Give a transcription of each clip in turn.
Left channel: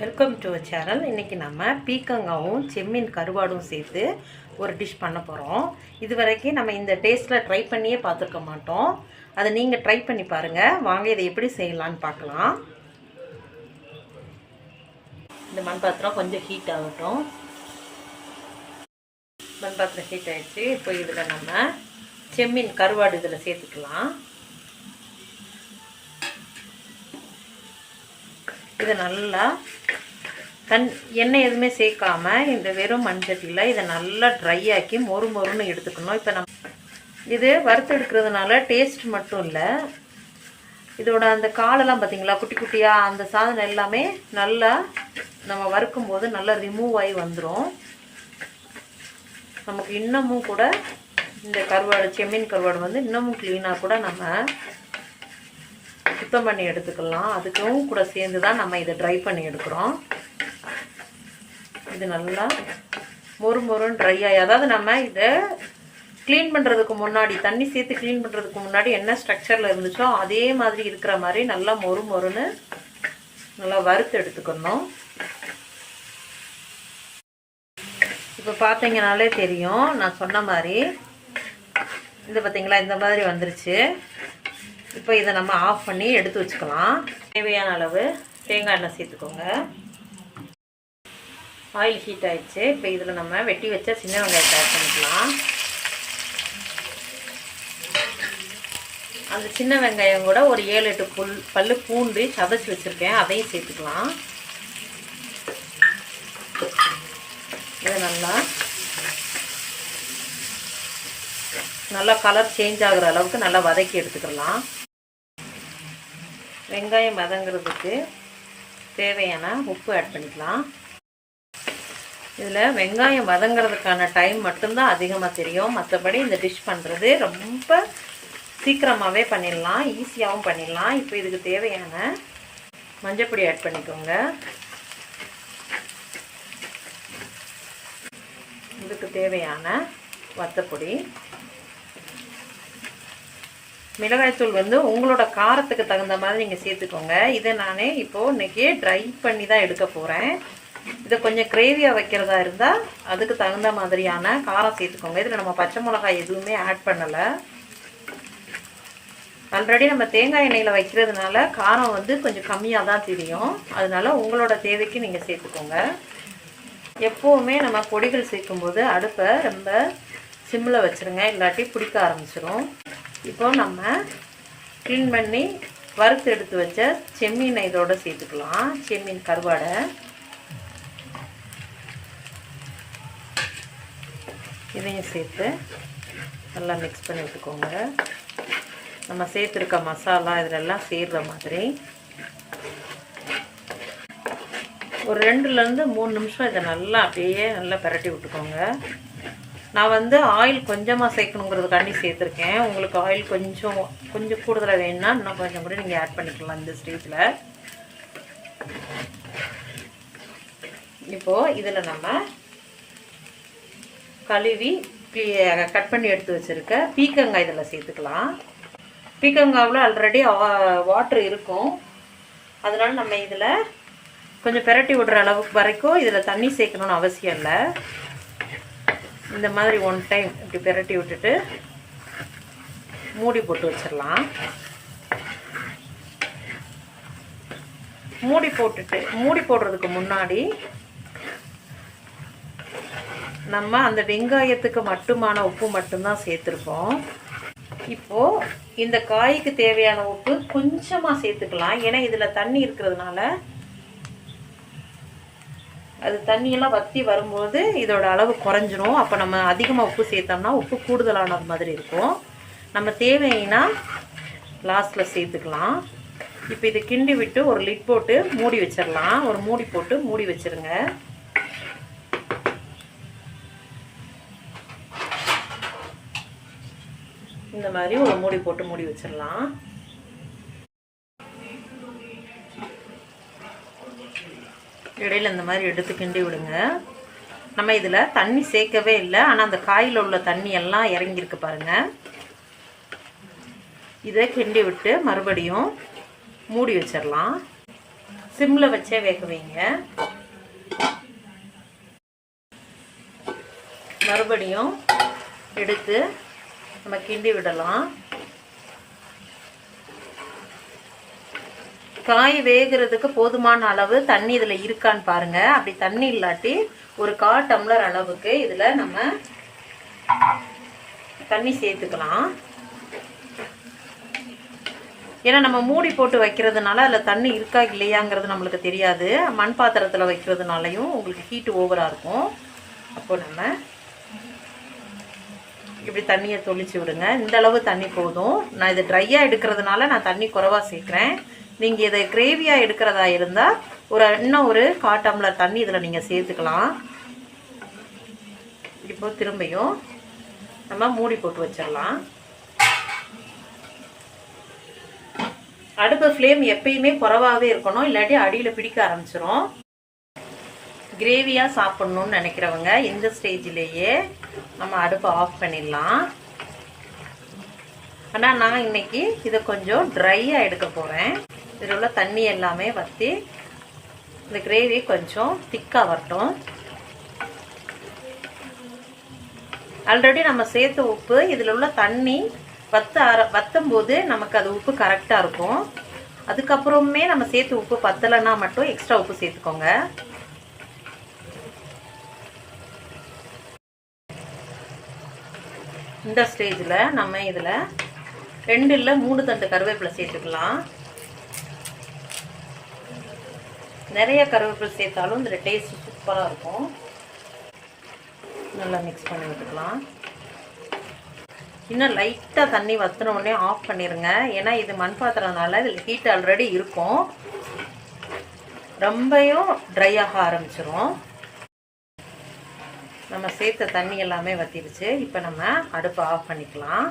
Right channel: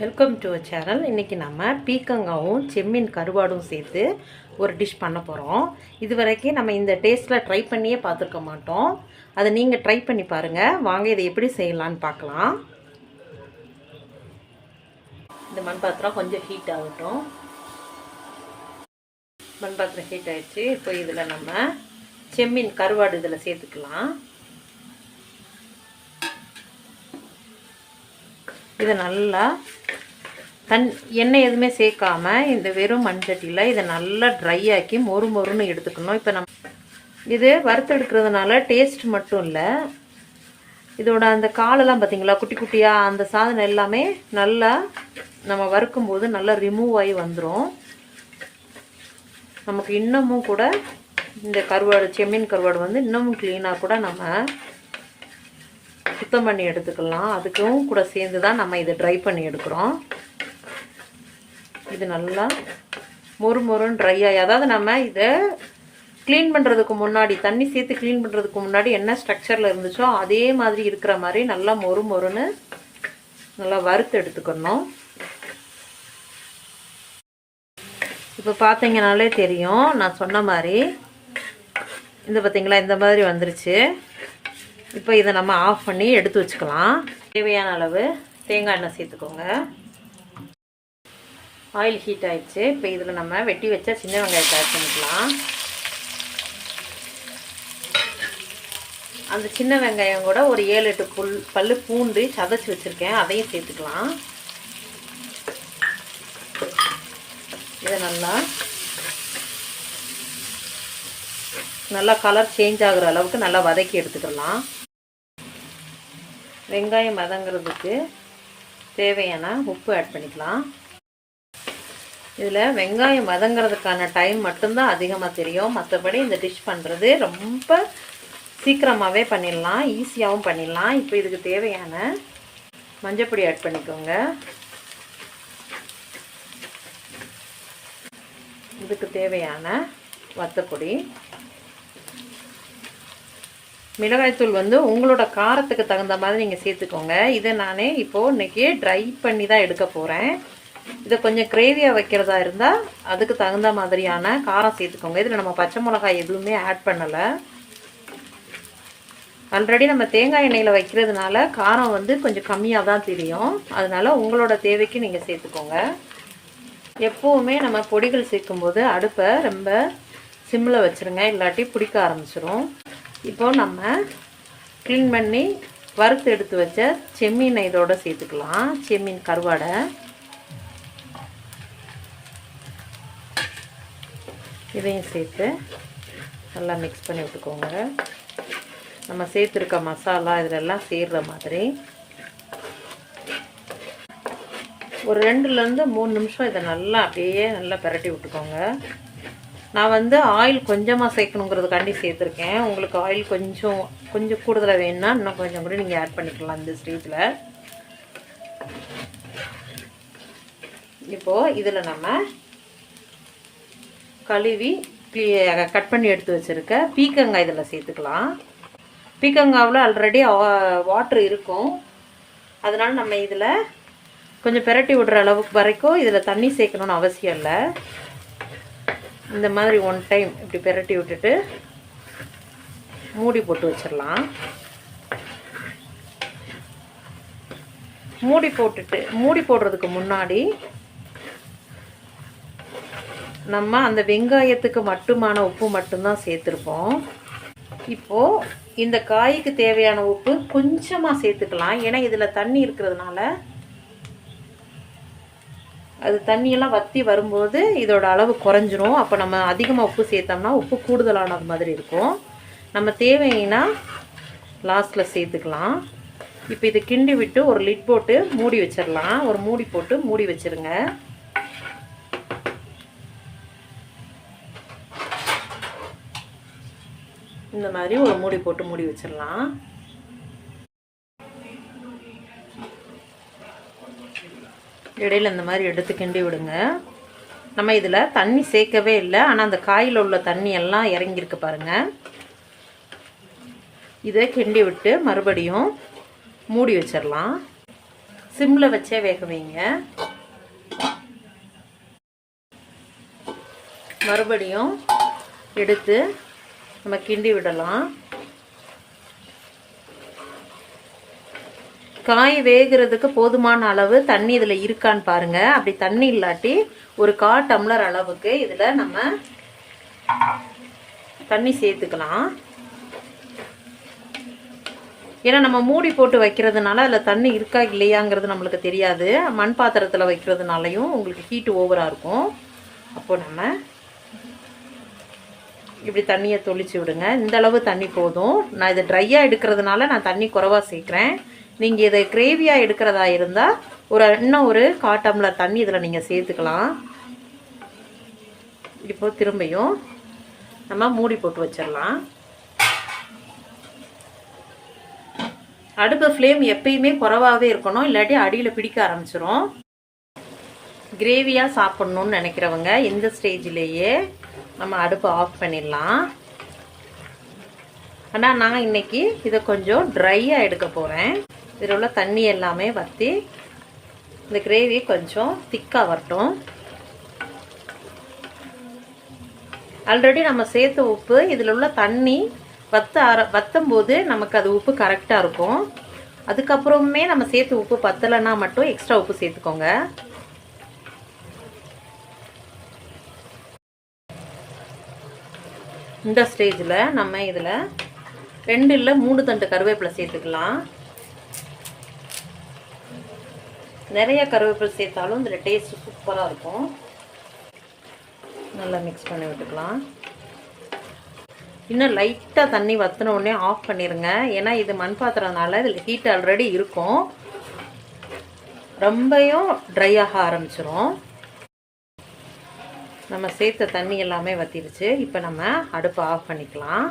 Welcome to channel. இன்றைக்கி நம்ம பீக்கங்காவும் செம்மீன் கருவாடும் சேர்த்து ஒரு டிஷ் பண்ண போகிறோம். இது வரைக்கும் நம்ம இந்த டேஸ்ட்டில் ட்ரை பண்ணியே பார்த்துருக்க மாட்டோம். அதை நீங்கள் ட்ரை பண்ணி பாருங்கள். வாங்க இதை எப்படி செய்யலான்னு பார்க்கலாம். இந்த மண் பாத்திரம் கொஞ்சம் ஹீட் ஆகட்டும். மண் பாத்திரம் ஹீட் ஆகிடுச்சு. இப்போ இதில் நம்ம செம்மீன் கருவாடு இதில் சேர்த்துக்கலாம். இதை நல்லா எண்ணெய் எதுவுமே சேர்க்காம இந்த வெறும் மண்சட்டியில் இதை நல்லா ட்ரை ஆக்கி மொறுன்னு எடுத்துக்கணும். இப்போ நம்ம இது வறுத்து எடுக்கிறதுனால டேஸ்ட் மட்டும் இல்லை, இதோட அந்த காலெல்லாம் பார்த்திங்களா குட்டி குட்டியாக அந்த சாதனம் எல்லாமே நல்லா நம்ம வறுக்கும்போது நல்லா ரிமூவ் ஆகி வந்துடும். நமக்கு இன்னமும் கூட இந்த கருவாடு செம்மீன் கருவாடு வந்து இன்னமும் க்ளீனாக கூட நம்ம சுத்தம் பண்ணி எடுத்துக்கலாம். அதுக்கும் கூட சேர்ந்து தான் நம்ம இதை ட்ரை பண்ணி எடுக்கிறோம். இது நல்லா மொறுன்னு ட்ரை ஆகி, அதாவது நம்ம இதை க்ளீன் பண்ணுறதுக்கு முன்னாடி தண்ணி சேர்த்து க்ளீன் பண்ணுறதுக்கு முன்னாடி என்ன ஸ்ட்ரக்சரில் இருந்துச்சோ அதே மாதிரி இருக்கிற மாதிரி நல்லா மொறுன்னு நல்லா வறுத்து எடுத்துக்கணும். இப்போ பார்த்தீங்கனாலே தெரியும், நான் சொன்ன மாதிரி இந்த பார்த்தீங்களா இந்த மாதிரி வந்துருச்சு. இப்போ இதை நம்ம ஆஃப் பண்ணி எடுத்து வச்சுக்கலாம். தேவையான அளவு தேங்காய் எண்ணெய் சேர்த்துக்கோங்க. ஆயில் ஹீட் ஆகிடுச்சு. இப்போ இதில் நம்ம வெட்டி வச்ச சின்ன வெங்காயத்தை ஆட் பண்ணிக்கலாம். அந்த சின்ன வெங்காயம் கூட ஒரு 7-8 பல்லு பூண்டு சதைச்சி வச்சுருக்கேன், அதையும் சேர்த்துக்கலாம். இதை நல்லா கலர் சேஞ்ச் ஆகிற அளவுக்கு நல்லா வதக்கி எடுத்துக்கலாம். வெங்காயம் வதங்கிறதுக்கு தேவையான உப்பு ஆட் பண்ணிக்கலாம். இதில் வெங்காயம் வதங்கிறதுக்கான டைம் மட்டும்தான் அதிகமாக தெரியும். மற்றபடி இந்த டிஷ் பண்ணுறது ரொம்ப சீக்கிரமாகவே பண்ணிடலாம், ஈஸியாகவும் பண்ணிடலாம். இப்போ இதுக்கு தேவையான மஞ்சப்பொடி ஆட் பண்ணிக்கோங்க. இதுக்கு தேவையான வத்தப்பொடி, மிளகாய்த்தூள் வந்து உங்களோட காரத்துக்கு தகுந்த மாதிரி நீங்கள் சேர்த்துக்கோங்க. இதை நான் இப்போது இன்றைக்கி ட்ரை பண்ணி தான் எடுக்க போகிறேன். இதை கொஞ்சம் கிரேவியாக வைக்கிறதா இருந்தால் அதுக்கு தகுந்த மாதிரியான காரம் சேர்த்துக்கோங்க. இதில் நம்ம பச்சை மிளகாய் எதுவுமே ஆட் பண்ணலை. ஆல்ரெடி நம்ம தேங்காய் எண்ணெயில் வைக்கிறதுனால காரம் வந்து கொஞ்சம் கம்மியாக தான் தெரியும். அதனால் உங்களோட தேவைக்கு நீங்கள் சேர்த்துக்கோங்க. எப்போவுமே நம்ம பொடிகள் சேர்க்கும்போது அடுப்பை ரொம்ப சிம்மில் வச்சுருங்க, இல்லாட்டி பிடிக்க ஆரம்பிச்சிடும். இப்போ நம்ம க்ளீன் பண்ணி வறுத்து எடுத்து வச்ச செம்மீனை இதோடு சேர்த்துக்கலாம். செம்மீன் கருவாடை இதையும் சேர்த்து நல்லா மிக்ஸ் பண்ணி விட்டுக்கோங்க. நம்ம சேர்த்துருக்க மசாலா இதிலெல்லாம் சேர்கிற மாதிரி ஒரு 2-3 நிமிஷம் இதை நல்லா அப்படியே நல்லா பிரட்டி விட்டுக்கோங்க. நான் வந்து ஆயில் கொஞ்சமாக சேர்க்கணுங்கிறதுக்காண்டி சேர்த்துருக்கேன். உங்களுக்கு ஆயில் கொஞ்சம் கூடுதலாக வேணும்னா இன்னும் கொஞ்சம் கூட நீங்கள் ஆட் பண்ணிக்கலாம் இந்த ஸ்டேஜில். இப்போது இதில் நம்ம கழுவி கட் பண்ணி எடுத்து வச்சுருக்க பீக்கங்காய் இதில் சேர்த்துக்கலாம். பீக்கங்காவில் ஆல்ரெடி வாட்ரு இருக்கும், அதனால் நம்ம இதில் கொஞ்சம் பிரட்டி விடுற அளவுக்கு வரைக்கும் இதில் தண்ணி சேர்க்கணுன்னு அவசியம் இல்லை. இந்த மாதிரி 1 டைம் இப்படி பிரட்டி விட்டுட்டு மூடி போட்டு வச்சிடலாம். மூடி போடுறதுக்கு முன்னாடி நம்ம அந்த வெங்காயத்துக்கு மட்டுமான உப்பு மட்டும்தான் சேர்த்துருப்போம். இப்போது இந்த காய்க்கு தேவையான உப்பு கொஞ்சமாக சேர்த்துக்கலாம். ஏன்னா இதில் தண்ணி இருக்கிறதுனால அது தண்ணியெல்லாம் வற்றி வரும்போது இதோட அளவு குறைஞ்சிரும். அப்போ நம்ம அதிகமாக உப்பு சேர்த்தோம்னா உப்பு கூடுதலானது மாதிரி இருக்கும். நம்ம தேவைன்னா லாஸ்ட்டில் சேர்த்துக்கலாம். இப்போ இதை கிண்டி விட்டு ஒரு லிட் போட்டு மூடி வச்சிடலாம். ஒரு மூடி போட்டு மூடி வச்சிருங்க. இந்த மாதிரி ஒரு மூடி போட்டு மூடி வச்சிடலாம். இடையில இந்த மாதிரி எடுத்து கிண்டி விடுங்க. நம்ம இதில் தண்ணி சேர்க்கவே இல்லை, ஆனால் அந்த காயில் உள்ள தண்ணி எல்லாம் இறங்கியிருக்கு பாருங்கள். இதை கிண்டி விட்டு மறுபடியும் மூடி வச்சிடலாம். சிம்மில் வச்சே வேக வைங்க. மறுபடியும் எடுத்து நம்ம கிண்டி விடலாம். காய் வேகிறதுக்கு போதுமான அளவு தண்ணி இதில் இருக்கான்னு பாருங்கள். அப்படி தண்ணி இல்லாட்டி ஒரு 1/4 டம்ளர் அளவுக்கு இதில் நம்ம தண்ணி சேர்த்துக்கலாம். ஏன்னா நம்ம மூடி போட்டு வைக்கிறதுனால அதில் தண்ணி இருக்கா இல்லையாங்கிறது நம்மளுக்கு தெரியாது. மண் பாத்திரத்தில் வைக்கிறதுனாலையும் உங்களுக்கு ஹீட்டு ஓவராக இருக்கும். அப்போ நம்ம இப்படி தண்ணியை தொளிச்சு விடுங்க. இந்த அளவு தண்ணி போதும். நான் இதை ட்ரையாக எடுக்கிறதுனால நான் தண்ணி குறைவாக சேர்க்குறேன். நீங்கள் இதை கிரேவியாக எடுக்கிறதா இருந்தால் இன்னும் ஒரு 1/4 டம்ளர் தண்ணி இதில் நீங்கள் சேர்த்துக்கலாம். இப்போ திரும்பியும் நம்ம மூடி போட்டு வச்சிடலாம். அடுப்பு ஃப்ளேம் எப்பயுமே குறைவாகவே இருக்கணும், இல்லாட்டி அடியில் பிடிக்க ஆரம்பிச்சிடும். கிரேவியாக சாப்பிட்ணுன்னு நினைக்கிறவங்க இந்த ஸ்டேஜிலேயே நம்ம அடுப்பை ஆஃப் பண்ணிடலாம். ஆனால் நான் இன்னைக்கு இதை கொஞ்சம் ட்ரையாக எடுக்க போகிறேன். இதில் உள்ள தண்ணி எல்லாமே வற்றி இந்த கிரேவி கொஞ்சம் திக்காக வரட்டும். ஆல்ரெடி நம்ம சேர்த்த உப்பு இதில் உள்ள தண்ணி வற்றும் போது நமக்கு அது உப்பு கரெக்டாக இருக்கும். அதுக்கப்புறமே நம்ம சேர்த்து உப்பு பத்தலைன்னா மட்டும் எக்ஸ்ட்ரா உப்பு சேர்த்துக்கோங்க. இந்த ஸ்டேஜில் நம்ம இதில் 2 இல்லை 3 தண்டு கருவேப்பிலை சேர்த்துக்கலாம். நிறைய கருவேப்பிலை சேர்த்தாலும் இதில் டேஸ்ட் சூப்பராக இருக்கும். நல்லா மிக்ஸ் பண்ணி விட்டுக்கலாம். இன்னும் லைட்டாக தண்ணி வற்றின உடனே ஆஃப் பண்ணிடுங்க. ஏன்னா இது மண் பாத்திரம்னால இதில் ஹீட் ஆல்ரெடி இருக்கும். ரொம்பவும் ட்ரை ஆக ஆரம்பிச்சிடும். நம்ம சேர்த்த தண்ணி எல்லாமே வற்றிடுச்சு. இப்போ நம்ம அடுப்பை ஆஃப் பண்ணிக்கலாம்.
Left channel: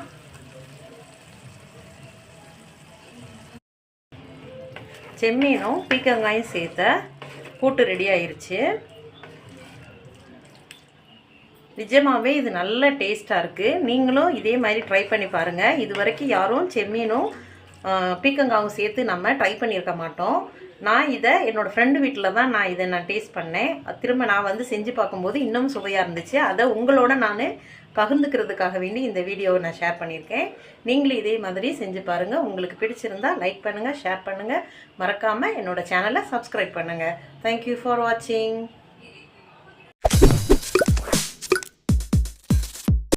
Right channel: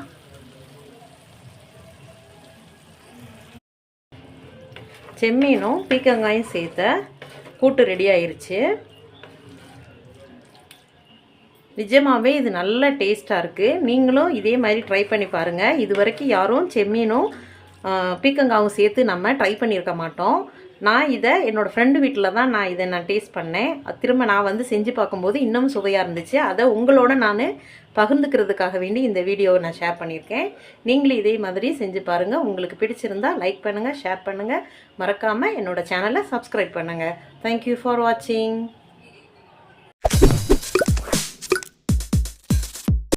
செம்மீனும் பீக்கங்காயும் சேர்த்த கூட்டு ரெடி ஆயிருச்சு. நிஜமாவே இது நல்ல டேஸ்ட்டாக இருக்குது. நீங்களும் இதே மாதிரி ட்ரை பண்ணி பாருங்கள். இது வரைக்கும் யாரும் செம்மீனும் பீக்கங்காவும் சேர்த்து நம்ம ட்ரை பண்ணியிருக்க மாட்டோம். நான் இதை என்னோடய ஃப்ரெண்டு வீட்டில் தான் நான் டேஸ்ட் பண்ணேன். திரும்ப நான் செஞ்சு பார்க்கும்போது இன்னும் சுவையாக இருந்துச்சு. அதை உங்களோட நான் பகிர்ந்துக்கிறதுக்காக வேண்டி இந்த வீடியோவை நான் ஷேர் பண்ணியிருக்கேன். நீங்களும் இதே மாதிரி செஞ்சு பாருங்கள். உங்களுக்கு பிடிச்சிருந்தா லைக் பண்ணுங்கள், ஷேர் பண்ணுங்கள். மறக்காமல் என்னோடய சேனலை சப்ஸ்கிரைப் பண்ணுங்கள். தேங்க்யூ ஃபார் வாட்சிங்.